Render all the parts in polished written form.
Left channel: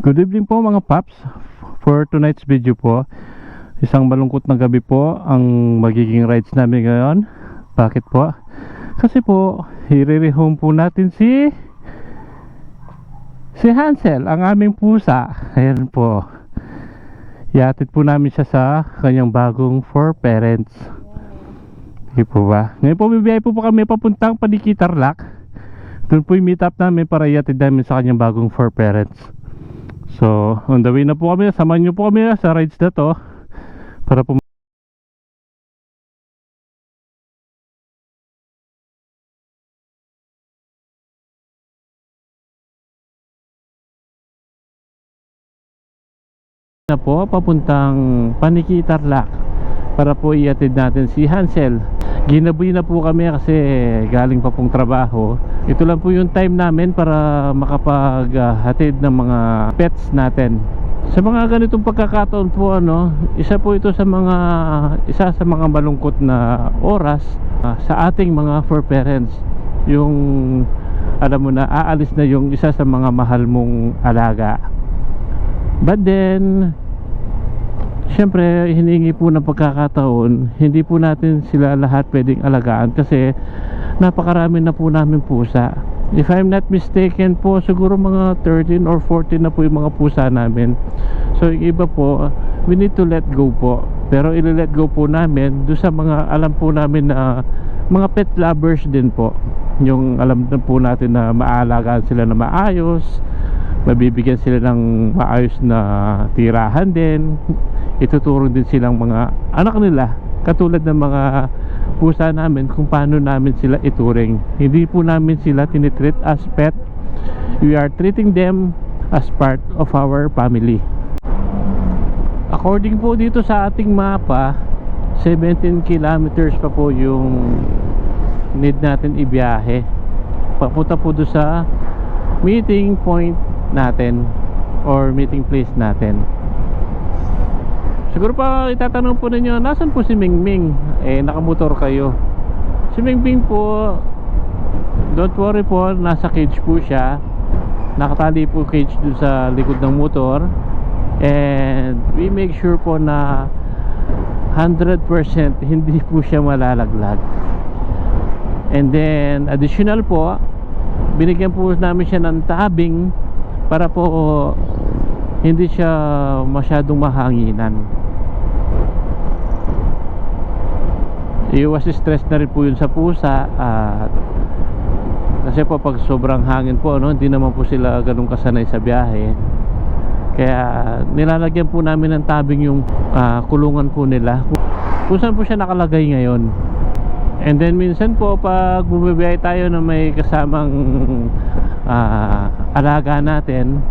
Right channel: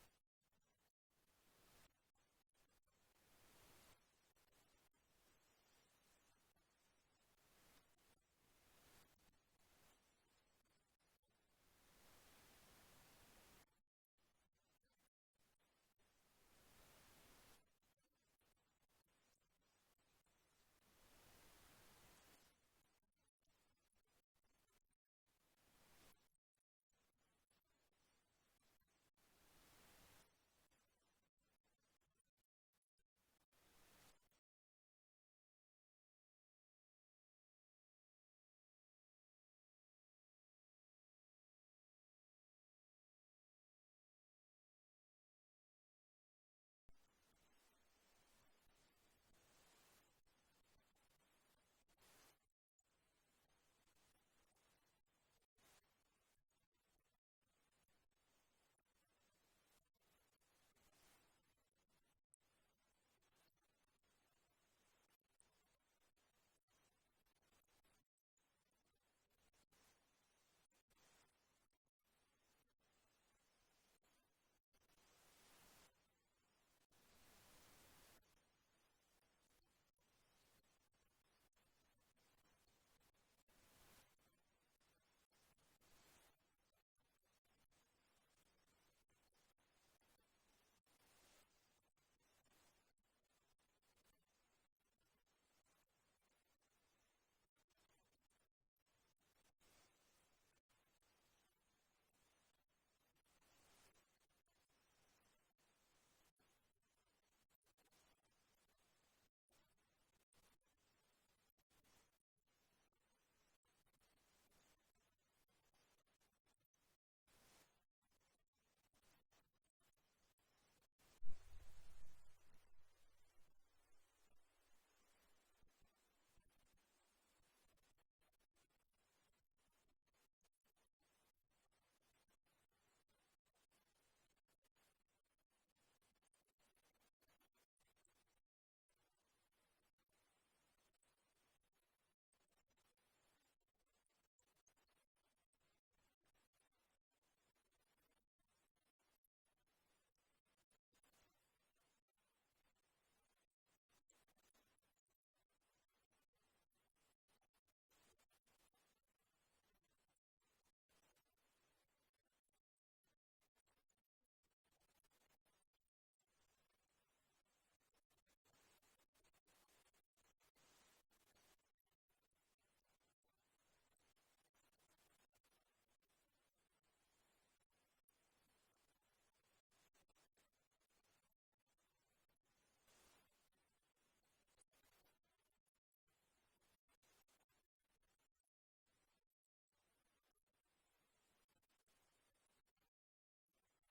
Good evening po mga paps. For tonight's video po, isang malungkot na gabi po ang magiging rides namin ngayon. Bakit po? Kasi po, i-rehome po natin si Hansel, ang aming pusa. Ayan po. Iatid po namin siya sa kanyang bagong for parents. Hindi po ba? Ngayon po bibiyay po kami papuntang Paniki Tarlac. Doon po yung meet up namin para iatid namin sa kanyang bagong for parents. So, on the way na po kami. Samahan nyo po kami sa rides na to para po na po papuntang Paniki Tarlac para po iatid natin si Hansel. Ginabi na po kami kasi galing pa pong trabaho. Ito lang po yung time namin para makapaghatid ng mga pets natin. Sa mga ganitong pagkakataon po, isa po ito sa mga malungkot na oras sa ating mga for parents. Yung alam mo na, aalis na yung isa sa mga mahal mong alaga. But then syempre, hiningi po ng pagkakataon, hindi po natin sila lahat pwedeng alagaan kasi napakarami na po namin pusa. If I'm not mistaken po, siguro mga 13 or 14 na po yung mga pusa namin. So yung iba po, we need to let go po. Pero i-let go po namin doon sa mga alam po namin na mga pet lovers din po. Yung alam na po natin na maaalagaan sila na maayos, mabibigyan sila ng maayos na tirahan din, ituturo din silang mga anak nila katulad ng mga pusa namin kung paano namin sila ituring. Hindi po namin sila tinitreat as pet. We are treating them as part of our family. According po dito sa ating mapa, 17 kilometers pa po yung need natin ibiyahe papunta po doon sa meeting point natin or meeting place natin. Siguro pa itatanong po ninyo, nasan po si Mingming? Nakamotor kayo. Si Mingming po, don't worry po, nasa cage po siya. Nakatali po cage dun sa likod ng motor. And we make sure po na 100% hindi po siya malalaglag. And then additional po, binigyan po namin siya ng tabing para po hindi siya masyadong mahanginan. Iwas stress na rin po yun sa pusa. Kasi po pag sobrang hangin po, hindi naman po sila ganun kasanay sa biyahe. Kaya nilalagyan po namin ng tabing yung kulungan po nila kung saan po siya nakalagay ngayon. And then minsan po pag bumibiyahe tayo na may kasamang alaga natin,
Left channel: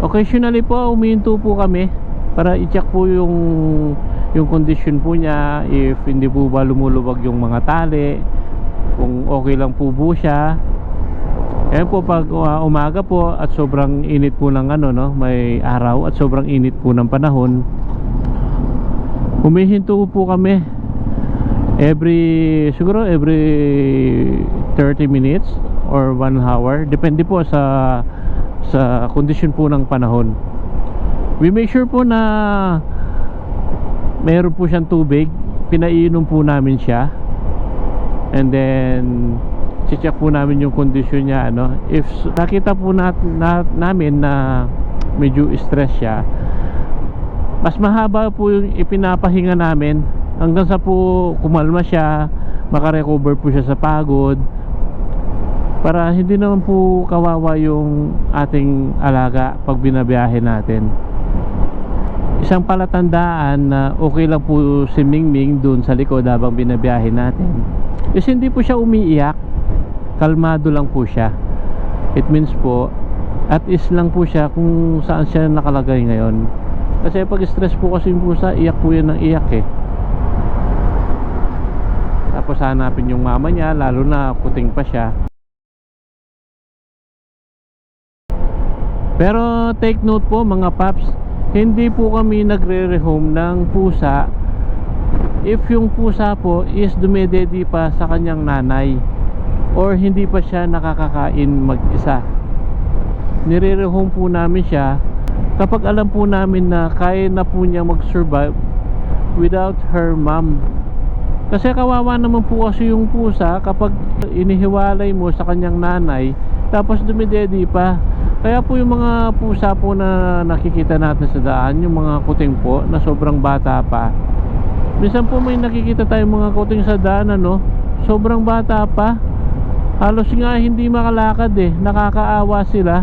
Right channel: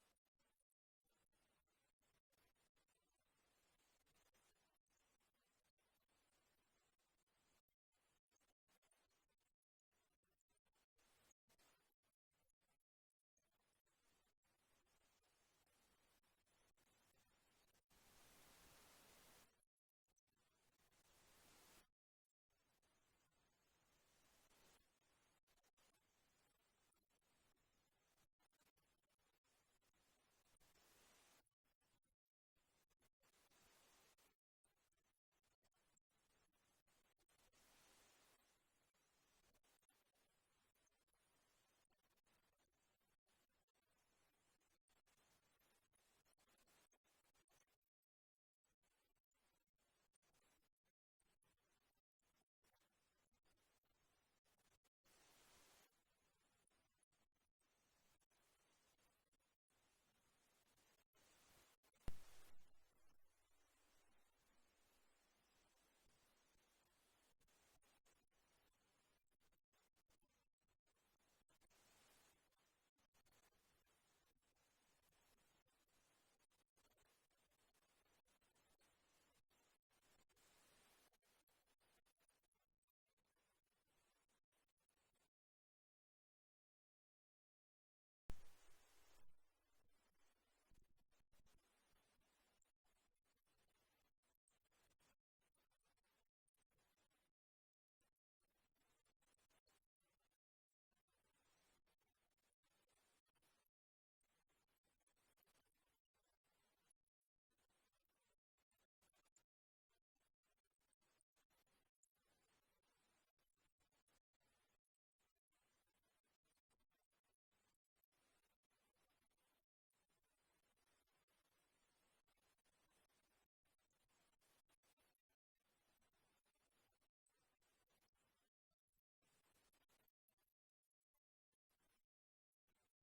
occasionally po umihinto po kami para i-check po yung condition po niya, if hindi po ba lumuluwag yung mga tali, kung okay lang po siya. Ayan po pag umaga po at sobrang init po ng may araw at sobrang init po ng panahon, humihinto po kami siguro every 30 minutes or 1 hour, depende po sa condition po ng panahon. We make sure po na meron po siyang tubig, pinaiinom po namin siya. And then check po namin yung condition niya. If nakita po namin na medyo stress siya, mas mahaba po yung ipinapahinga namin hanggang sa po kumalma siya, makarecover po siya sa pagod, para hindi naman po kawawa yung ating alaga pag binabiyahe natin. Isang palatandaan na okay lang po si Mingming dun sa likod habang binabiyahe natin is hindi po siya umiiyak, kalmado lang po siya. It means po at is lang po siya kung saan siya nakalagay ngayon. Kasi pag stress po kasi yung pusa, iyak po yan ng iyak Tapos hanapin yung mama niya, lalo na puting pa siya. Pero take note po mga paps, hindi po kami nagre-rehome ng pusa if yung pusa po is dumededi pa sa kanyang nanay or hindi pa siya nakakakain mag-isa. Nire-rehome po namin siya kapag alam po namin na kaya na po niya mag-survive without her mom. Kasi kawawa naman po kasi yung pusa kapag inihiwalay mo sa kanyang nanay tapos dumidedi pa. Kaya po yung mga pusa po na nakikita natin sa daan, yung mga kuting po na sobrang bata pa. Minsan po may nakikita tayong mga kuting sa daan, ano, sobrang bata pa. Halos nga hindi makalakad eh, nakakaawa sila.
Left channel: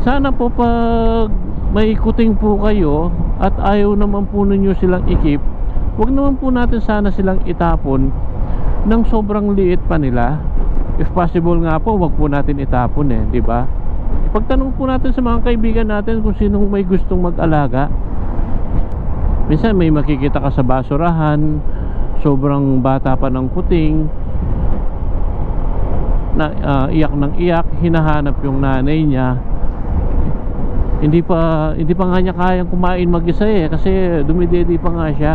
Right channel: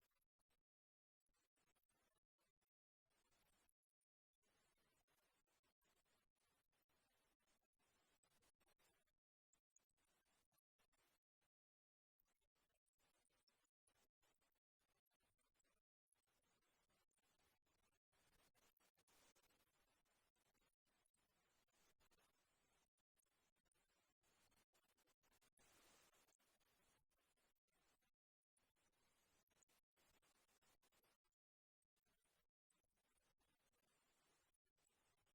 Sana po pag may kuting po kayo at ayaw naman po ninyo silang ikip, wag naman po natin sana silang itapon ng sobrang liit pa nila. If possible nga po, wag po natin itapon eh, di ba? Ipagtanong po natin sa mga kaibigan natin kung sinong may gustong mag-alaga. Minsan may makikita ka sa basurahan, sobrang bata pa ng kuting na iyak ng iyak, hinahanap yung nanay niya. Hindi pa nga niya kayang kumain mag-isa eh, kasi dumidedi pa nga siya.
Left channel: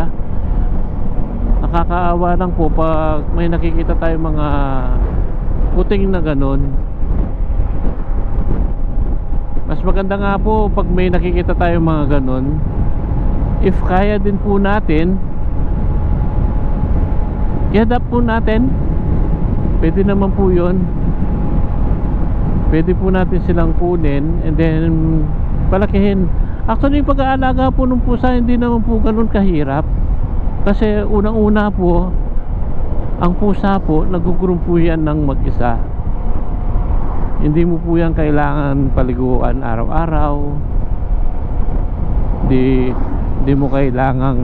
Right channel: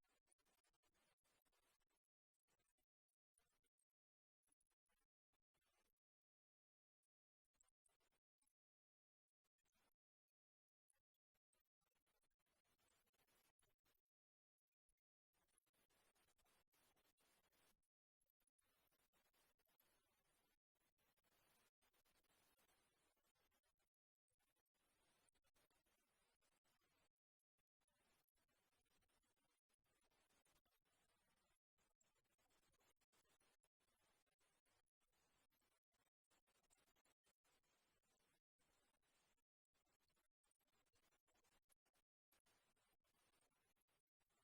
Nakakaawa lang po pag may nakikita tayong mga kuting na ganun. Mas maganda nga po pag may nakikita tayong mga ganun, if kaya din po natin, i-adapt po natin. Pwede naman po yun. Pwede po natin silang kunin and then palakihin. Actually, yung pag-aalaga po ng pusa hindi naman po ganun kahirap. Kasi unang-una po, ang pusa po, nag-groom po yan ng mag-isa. Hindi mo po yan kailangan paliguan araw-araw. Hindi mo kailangang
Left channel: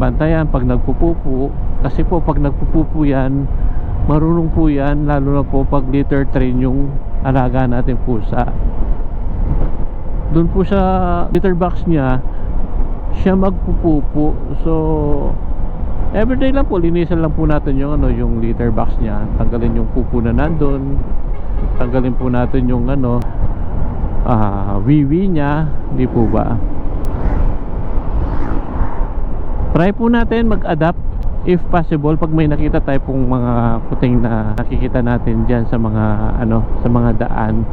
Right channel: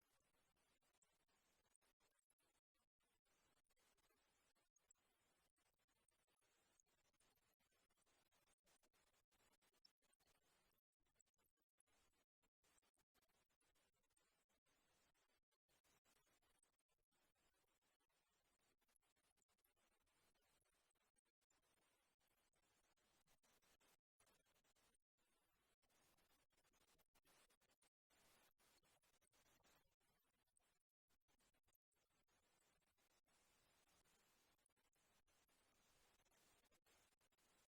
bantayan pag nagpupupo. Kasi po pag nagpupupo yan, marunong po yan, lalo na po pag litter train yung alaga natin pusa. Doon po sa litter box niya, siya magpupupo. So everyday lang po, linisan lang po natin yung yung litter box niya. Tanggalin yung pupo na nandun. Tanggalin po natin yung wiwi niya, di po ba? Try po natin mag-adapt if possible pag may nakita tayo pong mga kuting na nakikita natin diyan sa mga sa mga daan.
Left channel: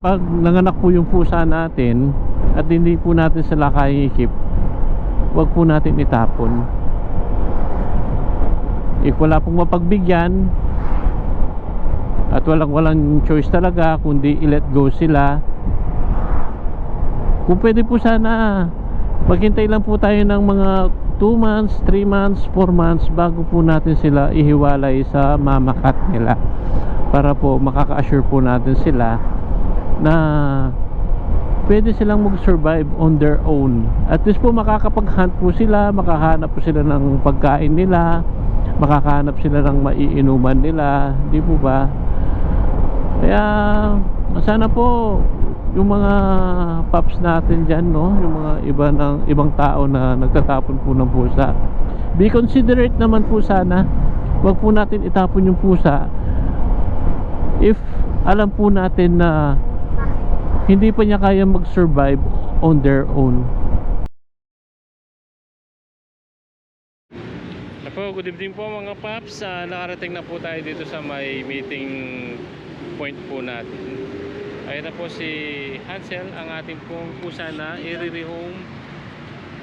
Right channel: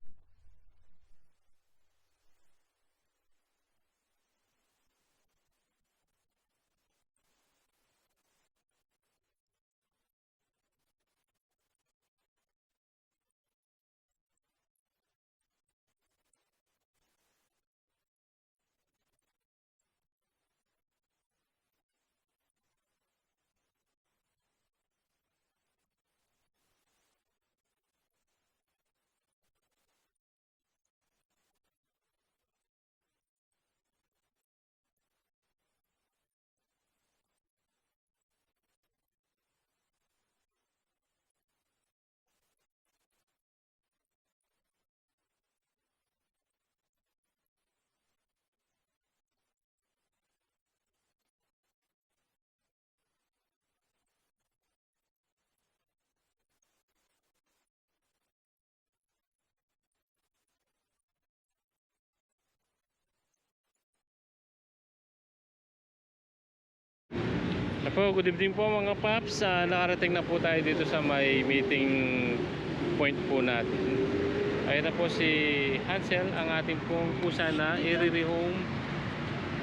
Pag nanganak po yung pusa natin at hindi po natin sila kaya-ikip, wag po natin itapon. If wala pong mapagbigyan at walang choice talaga kundi i-let go sila, kung pwede po sana maghintay lang po tayo ng mga 2 months, 3 months, 4 months bago po natin sila ihiwalay sa mama cat nila, para po makaka-assure po natin sila na pwede silang mag-survive on their own. At least po makakapag-hunt po sila, makahanap po sila ng pagkain nila, makakahanap sila ng maiinuman nila, di po ba? Kaya sana po yung mga pups natin dyan, no, yung mga ibang tao na nagtatapon po ng pusa, be considerate naman po sana. Wag po natin itapon yung pusa if alam po natin na hindi pa niya kaya mag-survive on their own. Good evening po mga paps. Nakarating na po tayo dito sa may meeting point po natin. Ayun na po si Hansel, ang ating pong pusa na i-rehome.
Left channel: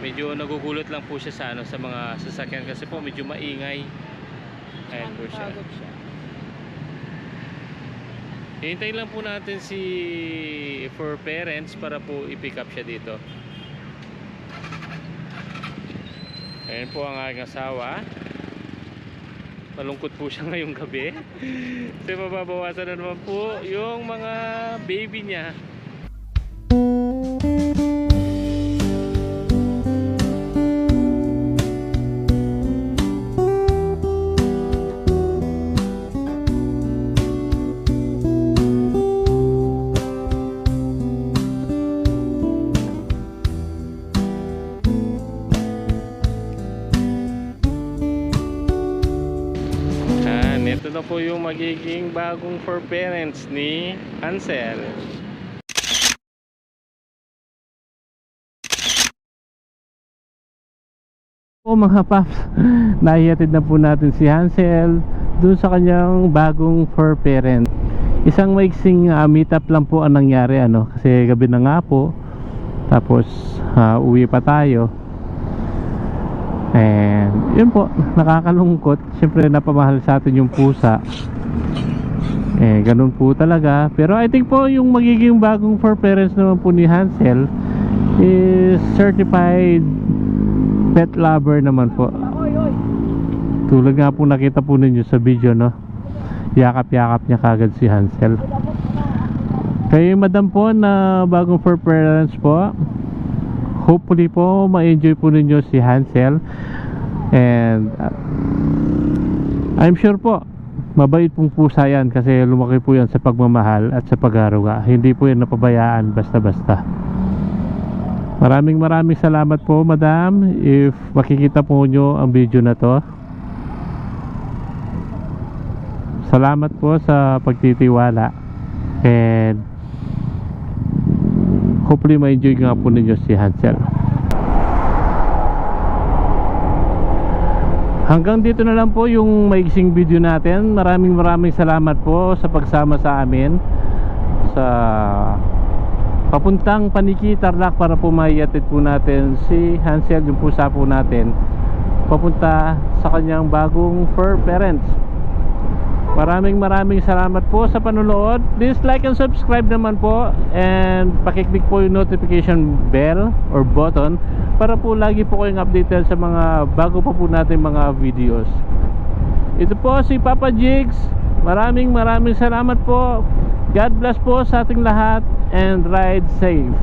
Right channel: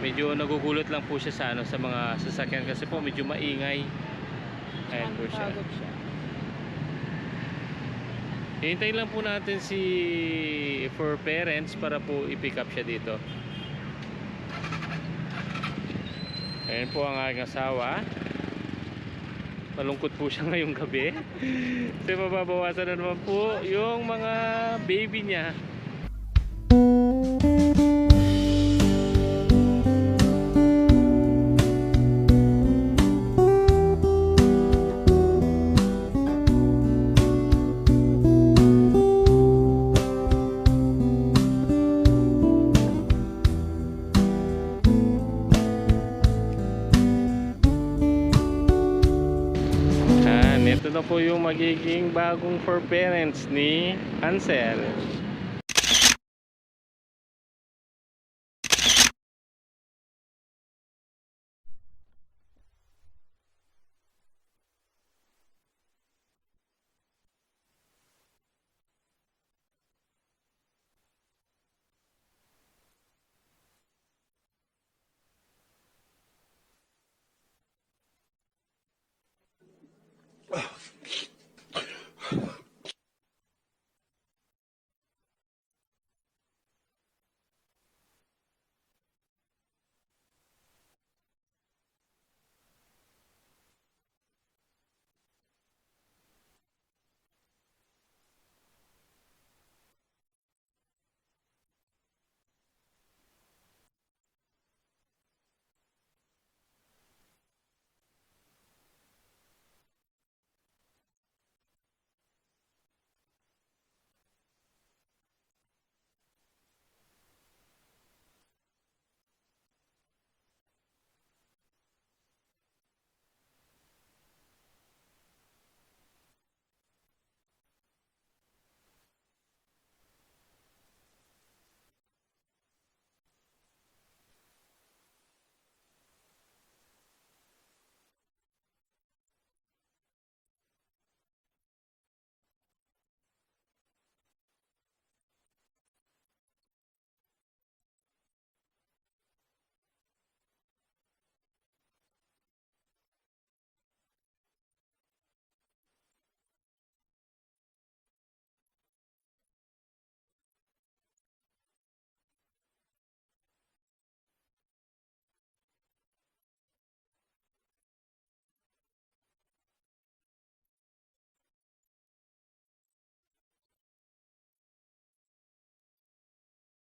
Medyo nagugulot lang po siya sa mga sasakyan kasi po medyo maingay. Ayan po siya. Hintayin lang po natin si for parents para po i-pick up siya dito. Ayan po ang aking asawa. Malungkot po siya ngayong gabi. Kasi mababawasan na naman po yung mga baby niya. Ito na po yung magiging bagong for parents ni Hansel. Po mga paps, naihatid na po natin si Hansel dun sa kanyang bagong for parent. isang maiksing meetup lang po ang nangyari ano, kasi gabi na nga po. Tapos uwi pa tayo. And yun po, nakakalungkot. Siyempre napamahal sa atin yung pusa. Ganun po talaga. Pero I think po yung magiging bagong fur parents naman po ni Hansel is certified pet lover naman po. Tulad nga po nakita po ninyo sa video, no? Yakap-yakap niya kagad si Hansel. Kayo madam po na bagong fur parents po, hopefully po ma-enjoy po ninyo si Hansel. And I'm sure po mabait pong pusa yan, kasi lumaki po yan sa pagmamahal at sa pag-aruga. Hindi po yan napabayaan basta-basta. Maraming salamat po madam, if makikita po nyo ang video na to. Salamat po sa pagtitiwala. And hopefully ma-enjoy nga po ninyo si Hansel. Hanggang dito na lang po yung maiksing video natin. Maraming salamat po sa pagsama sa amin sa papuntang Paniki, Tarlac, para po maiatid po natin si Hansel, yung pusa po natin, papunta sa kanyang bagong fur parents. Maraming salamat po sa panonood. Please like and subscribe naman po, and pakiclick po yung notification bell or button para po lagi po kayong updated sa mga bago pa po natin mga videos. Ito po si Papa Jigs. Maraming salamat po. God bless po sa ating lahat, and ride safe.